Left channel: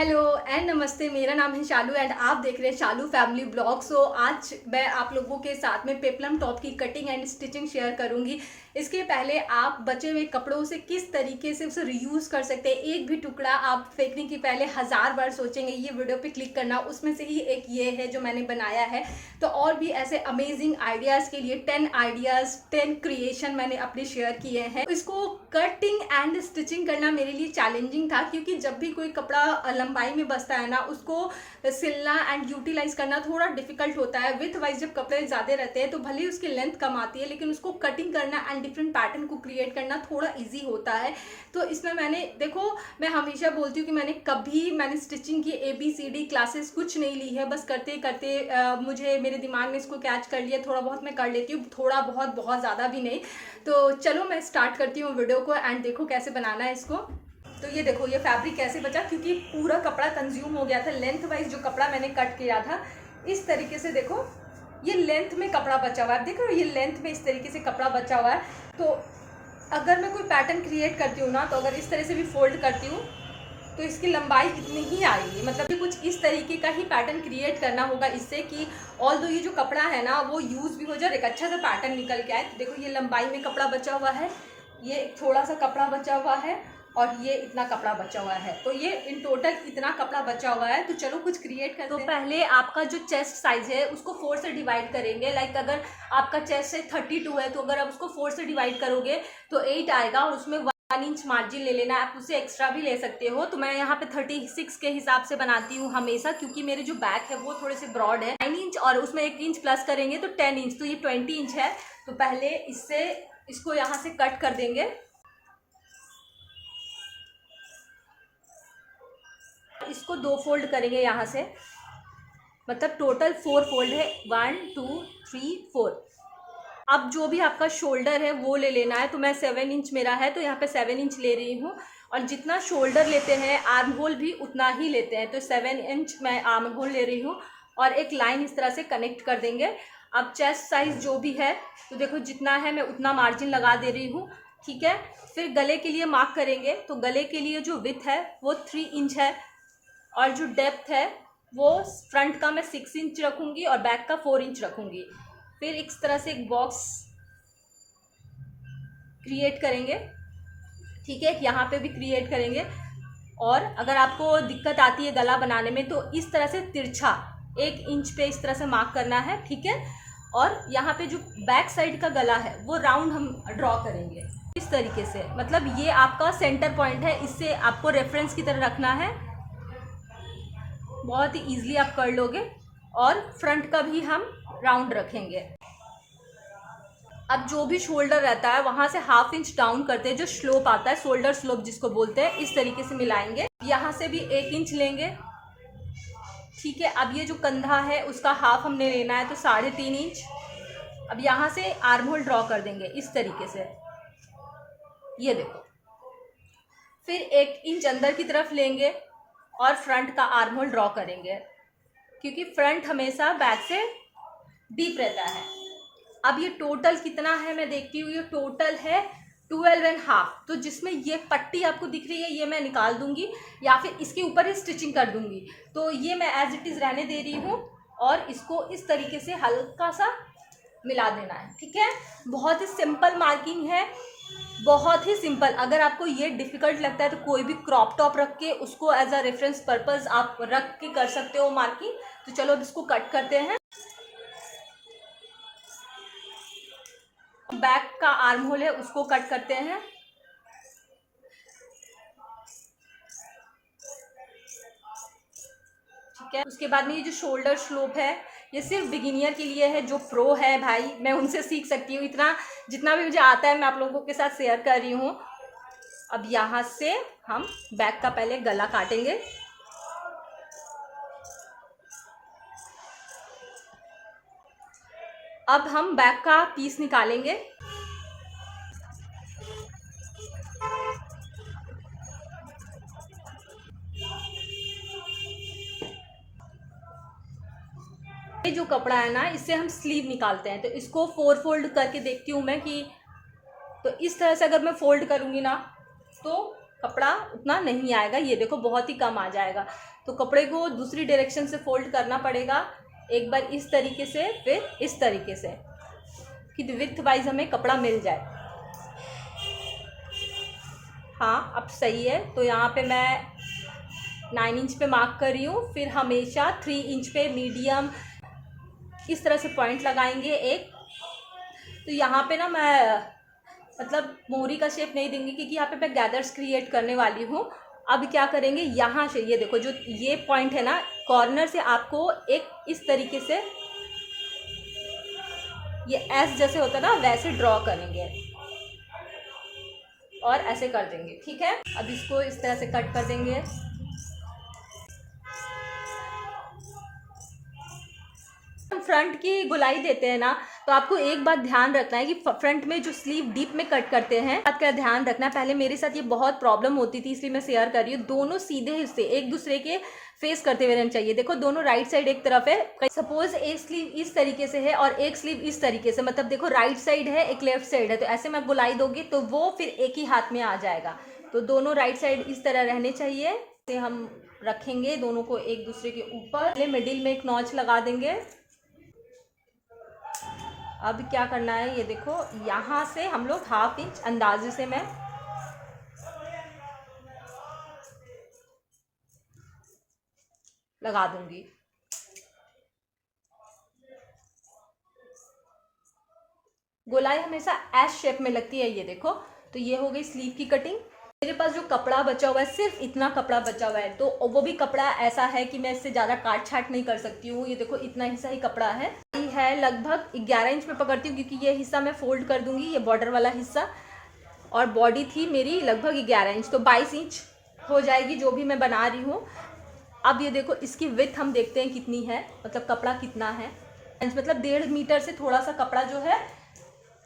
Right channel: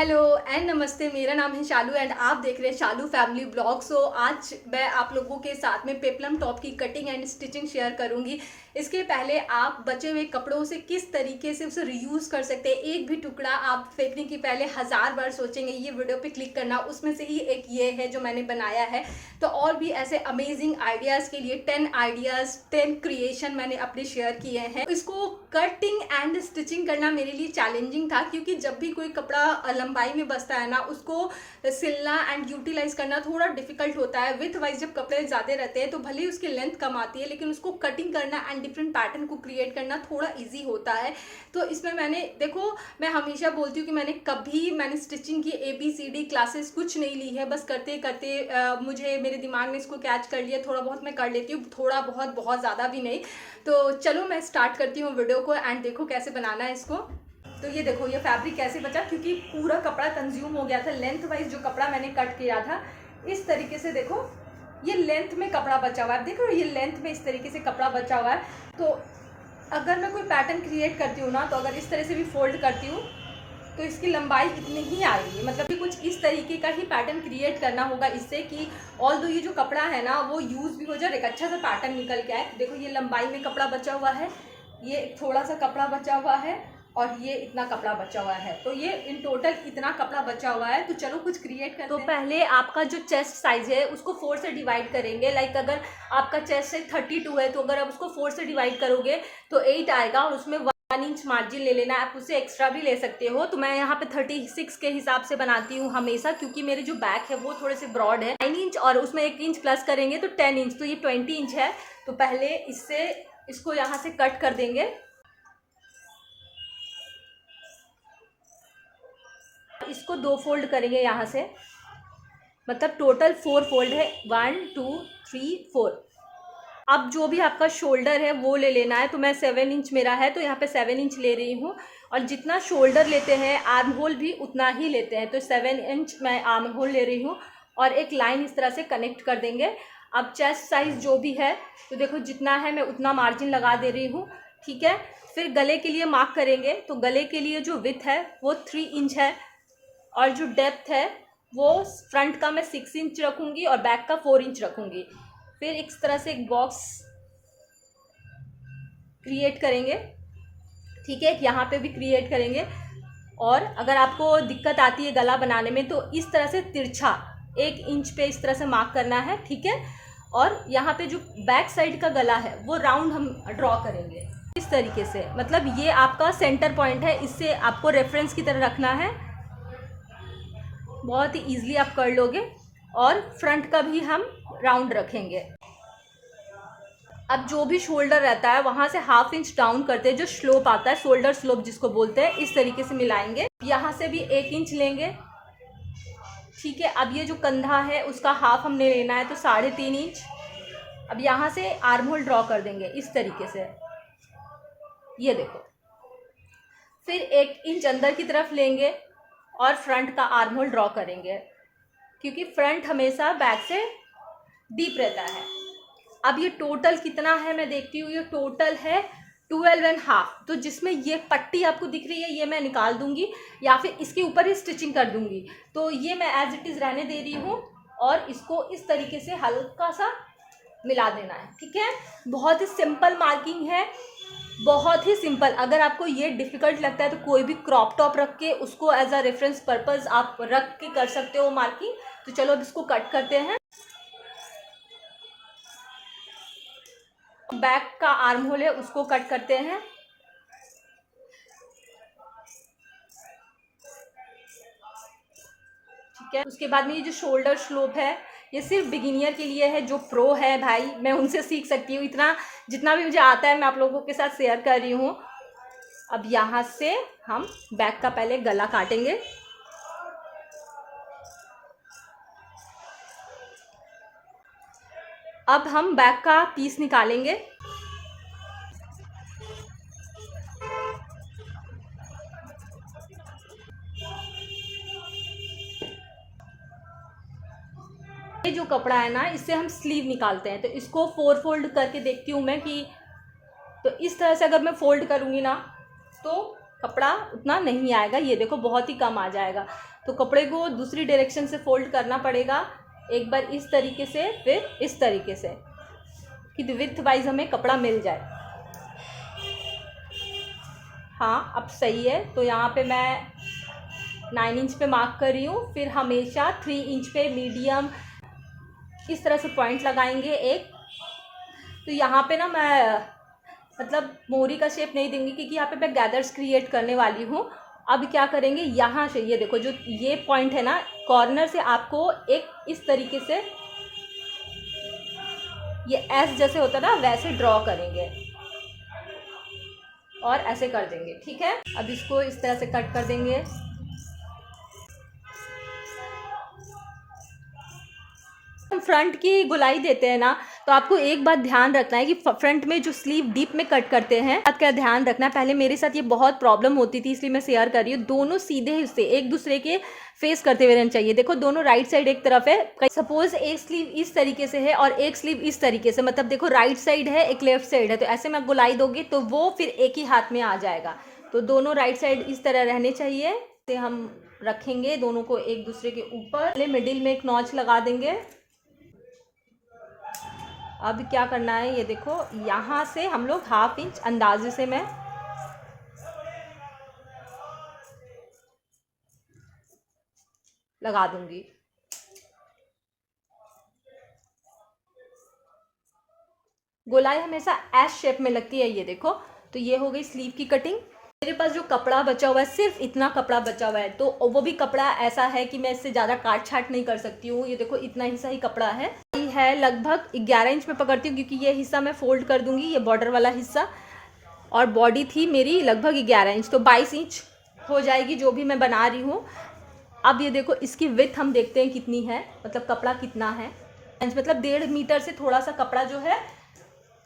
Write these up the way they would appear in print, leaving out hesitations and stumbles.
Hello and नमस्ते। मेरा नाम है शालू एंड आप देख रहे हैं शालू फैमिली ब्लॉग। सो आज मैं आप लोगों के साथ में पेपलम टॉप की कटिंग एंड स्टिचिंग शेयर करूंगी। इसके पहले आप बचे हुए कपड़ों से किस तरीके से उसे रीयूज कर सकते हैं। एक भी टुकड़ा आप फेंकने की पहले 1000 बार सोचेंगे ये वीडियो पे क्लिक करना। उसमें से ही एक ये है जो मैंने बनाया है। तो और भी ऐसे अमेजिंग आइडियाज़ के लिए 10 आइडियाज़ 10 क्रिएशन मैंने अपने शेयर किए हैं। इसको कटिंग एंड स्टिचिंग करना मेरे लिए चैलेंजिंग था, क्योंकि जब भी कोई कपड़ा लंबाई में बसता है ना, उसको सिलना एंड यूटिलाइज करना थोड़ा डिफिकल्ट होता है। विथ वाइज जब कपड़े ज़्यादा रहते हैं तो भले ही उसकी लेंथ कम आती है, लेकिन उसको कटिंग करना एंड डिफरेंट पैटर्न को क्रिएट करना थोड़ा इजी होता है। तो इसमें मैंने देखो, मैं हमेशा बोलती हूँ कि मैंने स्टिचिंग की ABCD क्लासेस कुछ नहीं ली है। बस करते करते मुझे मेरे दिमाग ने इसको कैच कर लिया। थोड़ा बहुत मैं कर लेती हूँ, थोड़ा बहुत, बहुत ज़्यादा भी नहीं। तो चलो मैं स्टार्ट करती हूँ वीडियो को एंड देखो कैसे बनाना है इसको। तो ये देखो ये फैब्रिक कैसे बचा, क्योंकि पूरा कपड़ा कंज्यूम हो गया था। लेंथ वाइज जो कपड़ा मैंने कट किया था, इस तरीके से देखो ये लेंथ में कपड़ा बचा हुआ है। देखो ये लेंथ में इस तरीके से कपड़ा बचा हुआ है। तो अगर मैं कोई पैटर्न क्रिएट करती हूँ ना, तो अगर इस तरह से भी फोल्ड करती हूँ तो इसकी लंबाई इतनी ही आएगी। मतलब कि कुछ इस तरीके का ही पैटर्न क्रिएट करना होगा इससे कि ऑल्दो ये जो कपड़ा है ना वो यूज़ भी हो जाए, एक अच्छा सा पैटर्न निकल के आए। तो देखो ये लंबाई में कपड़ा बचा हुआ है, ये थोड़ा सा कपड़ा बचा हुआ है और ये इतना कपड़ा बचा हुआ है। तो ये इन टोटल इतना कपड़ा बचा हुआ है। तो चलो कुछ क्रिएट करते हैं। तो पहले आपका जो चेस्ट साइज है उसको 4 से डिवाइड करेंगे। लाइक अगर आपका चेस्ट है 32 है, तो अगर आप उसको 4 से डिवाइड करोगे तो 8 आएगा। उसमें 1 इंच मार्जिन ले लेना है, आप उससे एक्स्ट्रा भी ले सकते हो। तो मैं यहाँ पे 36 के हिसाब से बनाती हूँ हमेशा, क्योंकि मेरे जो बैक है वो थोड़े से ब्रॉड है। 9 इंच और उसमें 1 इंच प्लस करेंगे तो 10 इंच, तो ये 20 इंच है। तो पहले इसको यहाँ से कट कर देंगे। इसको 2 फोल्ड करेंगे यहाँ से, मतलब टोटल 4 फोल्ड है। 1 2 3 4। अब जो भी आपका शोल्डर है वो ले लेना है। तो मैं 7 इंच मेरा है, तो यहाँ पे 7 इंच ले रही हूँ। और जितना शोल्डर लेते हैं आर्म होल भी उतना ही लेते हैं। तो 7 इंच मैं आर्म होल ले रही हूँ और एक लाइन इस तरह से कनेक्ट कर देंगे। अब चेस्ट साइज जो भी है, तो देखो जितना है मैं उतना मार्जिन लगा दे रही हूँ, ठीक है। फिर गले के लिए मार्क करेंगे। तो गले के लिए जो विड्थ है वो 3 इंच है और जो डेप्थ है वो फ्रंट का मैं 6 इंच रखूँगी और बैक का 4 इंच रखूँगी। फिर इस तरह से एक बॉक्स क्रिएट करेंगे, ठीक है। यहाँ पे भी क्रिएट करेंगे। और अगर आपको दिक्कत आती है गला बनाने में, तो इस तरह से तिरछा 1 इंच पे इस तरह से मार्क करना है, ठीक है। और यहाँ पे जो बैक साइड का गला है वो राउंड हम ड्रॉ करेंगे इस तरीके से। मतलब ये आपका सेंटर पॉइंट है, इससे आपको रेफरेंस की तरह रखना है। बहुत ही ईजिली आप कर लोगे। और फ्रंट का भी हम राउंड रखेंगे। अब जो भी शोल्डर रहता है वहाँ से 1/2 इंच डाउन करते हैं, जो स्लोप आता है शोल्डर स्लोप जिसको बोलते हैं, इस तरीके से मिलाएंगे। यहाँ से भी 1 इंच लेंगे, ठीक है। अब ये जो कंधा है उसका हाफ हमने लेना है, तो 3.5 इंच। अब यहाँ से आर्म होल ड्रॉ कर देंगे इस तरीके से, ये देखो। फिर 1 इंच अंदर की तरफ लेंगे और फ्रंट का आर्म होल ड्रॉ करेंगे, क्योंकि फ्रंट हमेशा बैक से डीप रहता है। अब ये टोटल कितना है मैं देखती हूँ। ये टोटल है 12.5। तो जिसमें ये पट्टी आपको दिख रही है ये मैं निकाल दूंगी या फिर इसके ऊपर ही स्टिचिंग कर दूंगी। तो ये मैं एज इट इज़ रहने दे रही हूँ और इसको इस तरीके से हल्का सा मिला देना है, ठीक है। बहुत ही सिंपल मार्किंग है, बहुत ही सिंपल। अगर आपको ये डिफ़िकल्ट लगता है तो कोई भी क्रॉप टॉप रख के उसको एज अ रेफरेंस पर्पस आप रख के कर सकते हो मार्किंग। तो चलो अब इसको कट करते हैं। बैक का आर्म होल है उसको कट करते हैं, ठीक है। उसके बाद में ये जो शोल्डर स्लोप है ये सिर्फ बिगिनियर के लिए है। जो प्रो है भाई मैं उनसे सीख सकती हूँ। इतना जितना भी मुझे आता है मैं आप लोगों के साथ शेयर कर रही हूँ। अब यहाँ से हम बैक का पहले गला काटेंगे। अब हम बैक का पीस निकालेंगे। ये जो कपड़ा है ना इससे हम स्लीव निकालते हैं। तो इसको 4 फोल्ड करके देखती हूँ मैं कि, तो इस तरह से अगर मैं फोल्ड करूँगी ना तो कपड़ा उतना नहीं आएगा, ये देखो बहुत ही कम आ जाएगा। तो कपड़े को दूसरी डायरेक्शन से फोल्ड करना पड़ेगा, एक बार इस तरीके से फिर इस तरीके से, कि विड्थ वाइज हमें कपड़ा मिल जाए। हाँ अब सही है। तो यहाँ पे मैं 9 इंच पे मार्क कर रही हूँ, फिर हमेशा 3 इंच पे मीडियम इस तरह से पॉइंट लगाएंगे एक। तो यहाँ पे ना मैं मतलब मोहरी का शेप नहीं देंगी, क्योंकि यहाँ पे मैं गैदर्स क्रिएट करने वाली हूँ। अब क्या करेंगे, यहाँ से ये देखो जो ये पॉइंट है ना, कॉर्नर से आपको एक इस तरीके से ये एस जैसे होता है ना, वैसे ड्रॉ करेंगे और ऐसे कर देंगे। ठीक है, अब इसको इस तरह से कट कर देंगे। फ्रंट की गोलाई देते हैं ना, तो आपको एक बात ध्यान रखना है कि फ्रंट में जो स्लीव डीप में कट करते हैं, बात का ध्यान रखना है। पहले मेरे साथ ये बहुत प्रॉब्लम होती थी, इसलिए मैं शेयर कर रही हूँ। दोनों सीधे हिस्से एक दूसरे के फेस करते हुए रहना चाहिए। देखो दोनों राइट साइड एक तरफ है, सपोज एक स्लीव इस तरीके से है और एक स्लीव इस तरीके से, मतलब देखो राइट साइड है एक लेफ्ट साइड है, तो ऐसे में गोलाई दोगे तो वो फिर एक ही हाथ में आ जाएगा। तो दोनों राइट साइड इस तरह रहने चाहिए। तो हम रखेंगे दोनों को एक दूसरे के ऊपर, मिडिल में एक नॉच लगा देंगे। अब क्या करना है, ये देखो यहाँ से हम लोग 1/2 इंच अंदाजे से मैं लगा दूंगी। गोलाई हमेशा एस शेप में लगती है, ये देखो। तो ये हो गई स्लीव की कटिंग। मेरे पास जो कपड़ा बचा हुआ है, सिर्फ इतना कपड़ा बचा हुआ है, तो वो भी कपड़ा ऐसा है कि मैं इससे ज़्यादा काट छाट नहीं कर सकती हूँ। ये देखो इतना हिस्सा ही कपड़ा है लगभग 11 इंच में पकड़ती हूँ, क्योंकि ये हिस्सा मैं फोल्ड कर दूंगी, ये बॉर्डर वाला हिस्सा। और बॉडी थी मेरी लगभग 11 इंच, तो 22 इंच हो जाएगी जो भी मैं बना रही हूँ। अब ये देखो इसकी विड्थ हम देखते हैं कितनी है, मतलब कपड़ा कितना है। मतलब 1.5 मीटर से थोड़ा सा कपड़ा जो है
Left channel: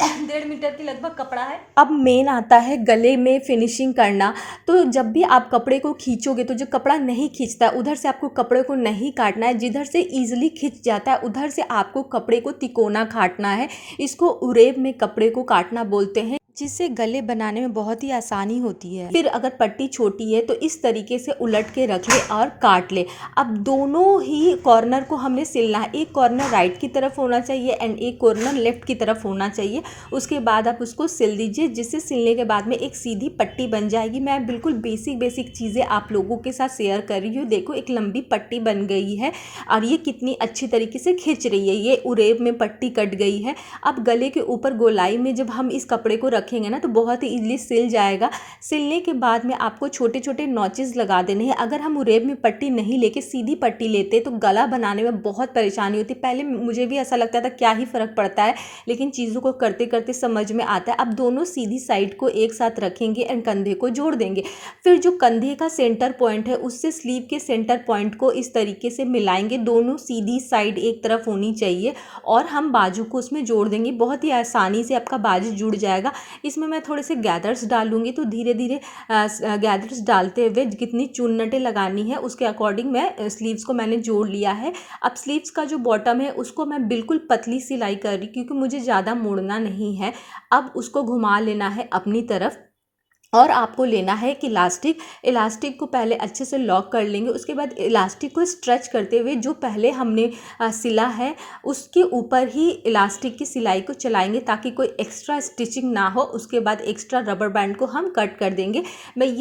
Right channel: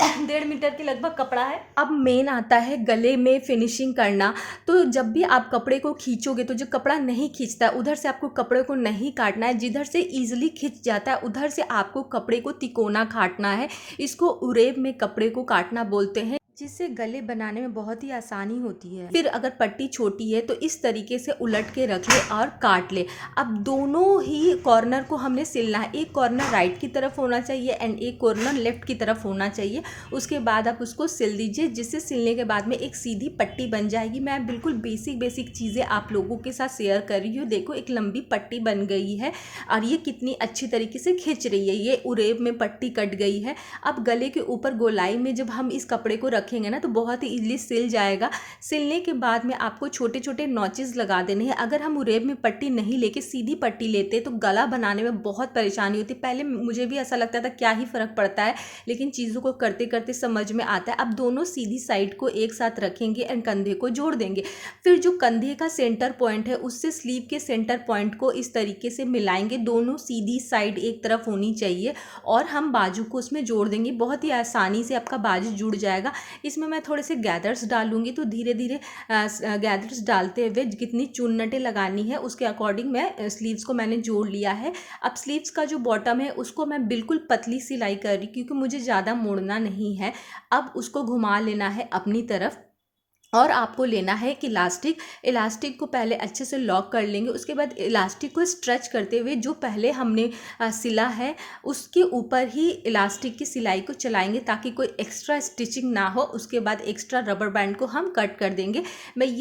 1.5 मीटर के लगभग कपड़ा है। अब मेन आता है गले में फिनिशिंग करना। तो जब भी आप कपड़े को खींचोगे, तो जो कपड़ा नहीं खींचता उधर से आपको कपड़े को नहीं काटना है, जिधर से ईजिली खींच जाता है उधर से आपको कपड़े को तिकोना काटना है। इसको उरेब में कपड़े को काटना बोलते हैं, जिससे गले बनाने में बहुत ही आसानी होती है। फिर अगर पट्टी छोटी है तो इस तरीके से उलट के रख ले और काट ले। अब दोनों ही कॉर्नर को हमने सिलना है, एक कॉर्नर राइट की तरफ होना चाहिए एंड एक कॉर्नर लेफ्ट की तरफ होना चाहिए। उसके बाद आप उसको सिल दीजिए, जिससे सिलने के बाद में एक सीधी पट्टी बन जाएगी। मैं बिल्कुल बेसिक चीज़ें आप लोगों के साथ शेयर कर रही हूँ। देखो एक लंबी पट्टी बन गई है और ये कितनी अच्छी तरीके से खिंच रही है, ये उरेब में पट्टी कट गई है। अब गले के ऊपर गोलाई में जब हम इस कपड़े को रखेंगे ना, तो बहुत ही इजीली सिल जाएगा। सिलने के बाद में आपको छोटे छोटे नॉचेस लगा देने हैं। अगर हम उरेब में पट्टी नहीं लेके सीधी पट्टी लेते तो गला बनाने में बहुत परेशानी होती। पहले मुझे भी ऐसा लगता था क्या ही फ़र्क पड़ता है, लेकिन चीज़ों को करते करते समझ में आता है। अब दोनों सीधी साइड को एक साथ रखेंगे एंड कंधे को जोड़ देंगे। फिर जो कंधे का सेंटर पॉइंट है उससे स्लीव के सेंटर पॉइंट को इस तरीके से मिलाएंगे। दोनों सीधी साइड एक तरफ होनी चाहिए और हम बाजू को उसमें जोड़ देंगे। बहुत ही आसानी से आपका बाजू जुड़ जाएगा। इसमें मैं थोड़े से गैदर्स डालूंगी, तो धीरे धीरे गैदर्स डालते हुए कितनी चुन्नटें लगानी है उसके अकॉर्डिंग मैं स्लीव्स को मैंने जोड़ लिया है। अब स्लीव्स का जो बॉटम है उसको मैं बिल्कुल पतली सिलाई कर रही, क्योंकि मुझे ज़्यादा मोड़ना नहीं है। अब उसको घुमा लेना है अपनी तरफ और आपको लेना है कि इलास्टिक को पहले अच्छे से लॉक कर लेंगे। उसके बाद इलास्टिक को स्ट्रेच करते हुए जो पहले हमने सिला है उसके ऊपर ही इलास्टिक की सिलाई को चलाएंगे, ताकि कोई एक्स्ट्रा स्टिचिंग ना हो। उसके बाद एक्स्ट्रा रबर बैंड को हम कट कर देंगे।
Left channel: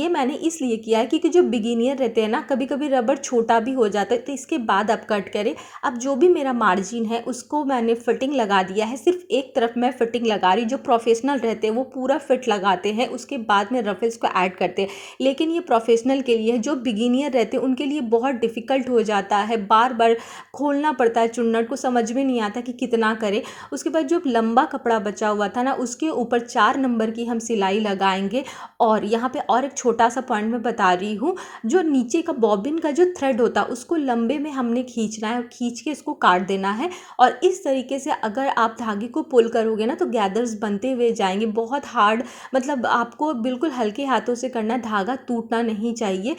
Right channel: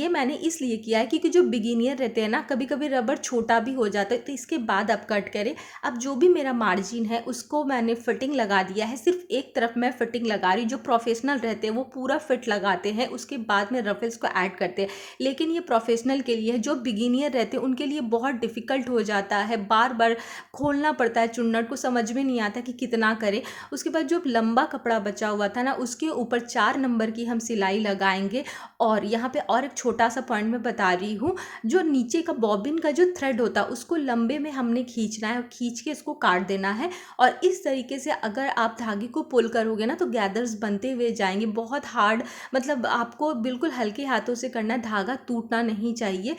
मैंने इसलिए किया है क्योंकि जो बिगिनियर रहते हैं ना, कभी कभी रबर छोटा भी हो जाता है, तो इसके बाद आप कट करें। अब जो भी मेरा मार्जिन है उसको मैंने फिटिंग लगा दिया है। सिर्फ एक तरफ मैं फिटिंग लगा रही। जो प्रोफेशनल रहते हैं वो पूरा फिट लगाते हैं, उसके बाद में रफल्स को ऐड करते हैं। लेकिन ये प्रोफेशनल के लिए, जो बिगिनियर रहते हैं उनके लिए बहुत डिफ़िकल्ट हो जाता है। बार बार खोलना पड़ता है चुन्नट को, समझ में नहीं आता कि कितना करें। उसके बाद जो लंबा कपड़ा बचा हुआ था ना, उसके ऊपर 4 नंबर की हम सिलाई लगाएंगे। और यहाँ पे और एक छोटा सा पॉइंट मैं बता रही हूँ, जो नीचे का बॉबिन का जो थ्रेड होता है उसको लंबे में हमने खींचना है और खींच के इसको काट देना है। और इस तरीके से अगर आप धागे को पुल करोगे ना, तो गैदर्स बनते हुए जाएंगे। बहुत हार्ड, मतलब आपको बिल्कुल हल्के हाथों से करना, धागा टूटना नहीं चाहिए।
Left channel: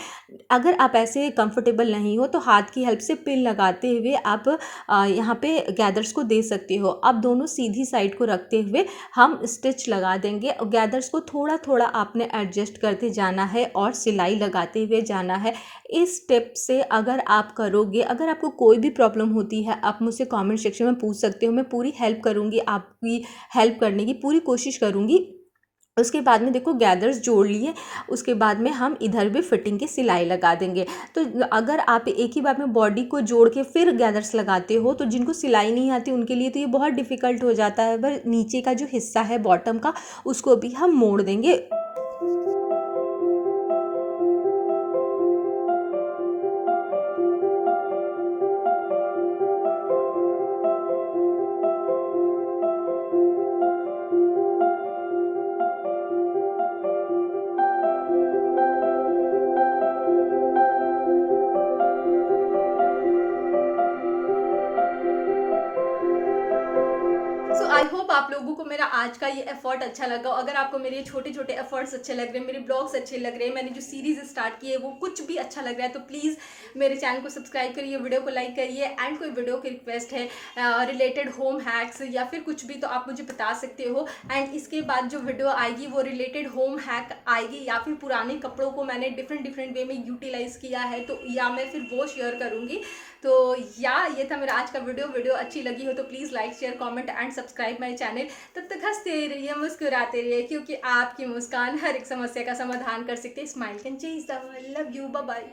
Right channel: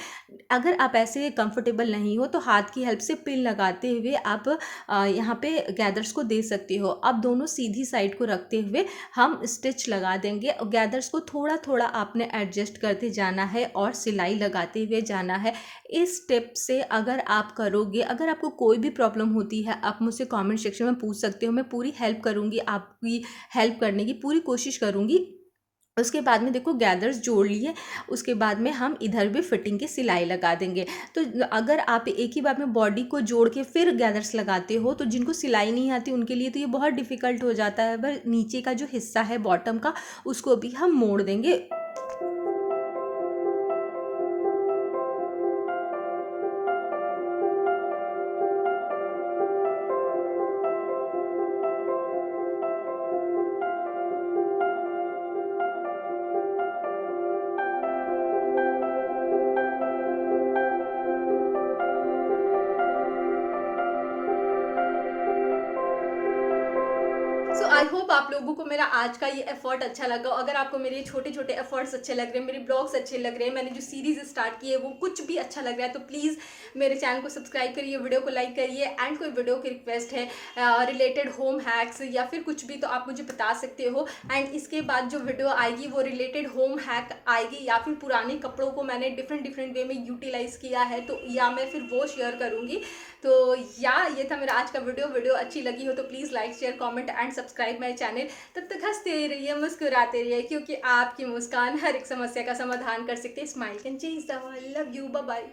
अगर आप ऐसे कंफर्टेबल नहीं हो तो हाथ की हेल्प से पिन लगाते हुए आप यहाँ पे गैदर्स को दे सकते हो। अब दोनों सीधी साइड को रखते हुए हम स्टिच लगा देंगे और गैदर्स को थोड़ा थोड़ा आपने एडजस्ट करते जाना है और सिलाई लगाते हुए जाना है। इस स्टेप से अगर आप करोगे, अगर आपको कोई भी प्रॉब्लम होती है आप मुझसे कमेंट सेक्शन में पूछ सकते हो, मैं पूरी हेल्प करूँगी, आपकी हेल्प करने की पूरी कोशिश करूँगी। उसके बाद में देखो गैदर्स जोड़ लिए, उसके बाद में हम इधर भी फिटिंग की सिलाई लगा देंगे। तो अगर आप एक ही बार में बॉडी को जोड़ के फिर गैदर्स लगाते हो तो जिनको सिलाई नहीं आती उनके लिए तो ये बहुत डिफ़िकल्ट हो जाता है। पर नीचे का जो हिस्सा है बॉटम का, उसको भी हम मोड़ देंगे। सो आई होप आप लोगों को मेरा आज का ये एफर्ट अच्छा लगा। अगर आपको मेरे छोटे छोटे एफर्ट्स अच्छे लग रहे हैं, मेरे ब्लॉग्स अच्छे लग रहे हैं, मैंने जो सीरीज स्टार्ट की है वो कुछ भी अच्छा लग रहा है, तो प्लीज़ मेरे चैनल को सब्सक्राइब करिए, वीडियो को लाइक करिए। एंड कोई वीडियो की रिक्वेस्ट है रिलेटेड होम हैक्स या फिर कुछ भी, तो आप मुझे बता सकते हो। एंड इसके बाद जो वीडियो आएगी वो रिलेटेड होम हैक आएगी, या फिर पुराने कपड़ों को मैंने डिफरेंट वे में यूटिलाइज़ किया है तो या मैं फिर वो शेयर करूँगी। तो या ये था मेरा आज का वीडियो अच्छी लगी हो तो please like share comment and subscribe my channel. तब तक हंसते रहिए, मुस्कुराते रहिए, क्योंकि आपकी मुस्कान हर एक समस्या का समाधान कर सकते हैं। Smile can change the world. Love you, bye bye.